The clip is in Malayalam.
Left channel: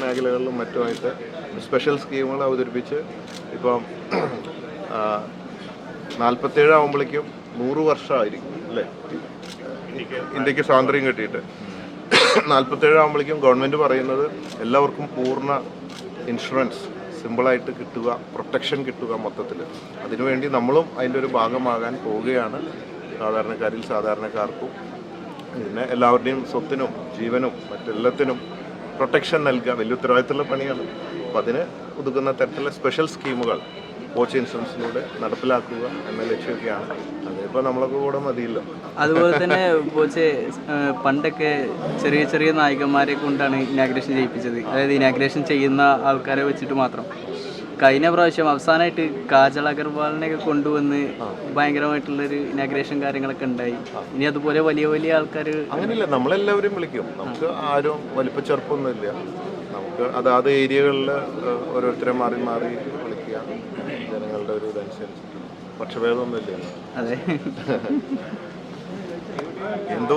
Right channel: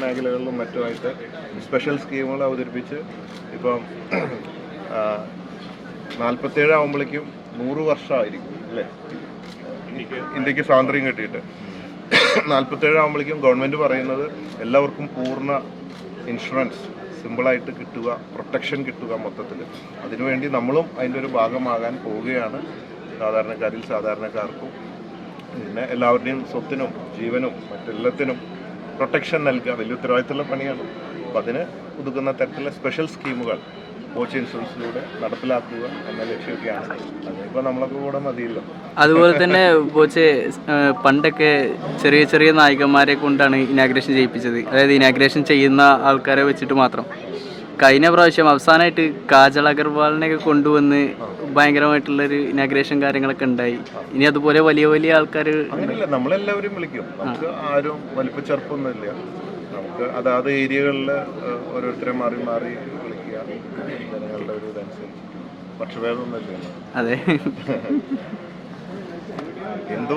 മേഖലകളിലും മറ്റുമായിട്ട് സ്പെഷ്യൽ സ്കീമുകൾ അവതരിപ്പിച്ച് ഇപ്പം നാൽപ്പത്തേഴ് ആകുമ്പോഴേക്കും നൂറ് വർഷമായിരിക്കും അല്ലേ? ഇന്ത്യയ്ക്ക് സ്വാതന്ത്ര്യം കിട്ടിയിട്ട്. നാൽപ്പത്തേഴ് ആകുമ്പോഴേക്കും ഗവൺമെന്റ് പറയുന്നത് എല്ലാവർക്കും പൂർണ ഇൻഷുറൻസ് സിമ്പിളായിട്ട് കിട്ടുക പ്രൊട്ടക്ഷൻ കിട്ടുക മൊത്തത്തിൽ. അതിനുവേണ്ടി നമ്മളും അതിന്റെ ഒരു ഭാഗമാകാൻ പോവുകയാണ് സാധാരണക്കാരിൽ സാധാരണക്കാർക്കും. പിന്നെ എല്ലാവരുടെയും സ്വത്തിനും ജീവനും മറ്റെല്ലാത്തിനും പ്രൊട്ടക്ഷൻ നൽകുക വലിയ ഉത്തരവാദിത്തമുള്ള പണിയാണ്. അപ്പോൾ അതിന് ഒതുക്കുന്ന തരത്തിലുള്ള സ്പെഷ്യൽ സ്കീമുകൾ കോച്ച് ഇൻഷുറൻസിലൂടെ നടപ്പിലാക്കുക എന്ന ലക്ഷ്യമൊക്കെയാണ്. അതിപ്പോൾ നമ്മളൊക്കെ കൂടെ മതിയല്ലോ. അതുപോലെ തന്നെ ഏഹ് പണ്ടൊക്കെ ചെറിയ ചെറിയ നായികന്മാരെ കൊണ്ടാണ് ഇനാഗ്രേഷൻ ചെയ്യിപ്പിച്ചത് അതായത് ഇനാഗ്രേഷൻ ചെയ്യുന്ന ആൾക്കാരെ വെച്ചിട്ട് മാത്രം. കഴിഞ്ഞ പ്രാവശ്യം അവസാനമായിട്ട് കാജൽ അഗർവാളിനെ ഒക്കെ കൊണ്ടുവന്ന് ഭയങ്കരമായിട്ടുള്ളൊരു ഇനാഗ്രേഷൻ കാര്യങ്ങളൊക്കെ ഉണ്ടായി. ഇനി അതുപോലെ വലിയ വലിയ ആൾക്കാർ അങ്ങനെയല്ല നമ്മളെല്ലാവരും വിളിക്കും. നമുക്ക് ആരും വലിപ്പ ചെറുപ്പമൊന്നുമില്ല. നമുക്ക് അതാത് ഏരിയകളിൽ ഓരോരുത്തരെ മാറി മാറി വിളിക്കുക. ജനങ്ങളുടെ ഒരു ഇതനുസരിച്ച്. പക്ഷഭേദമൊന്നുമില്ല അതെ. എന്തോ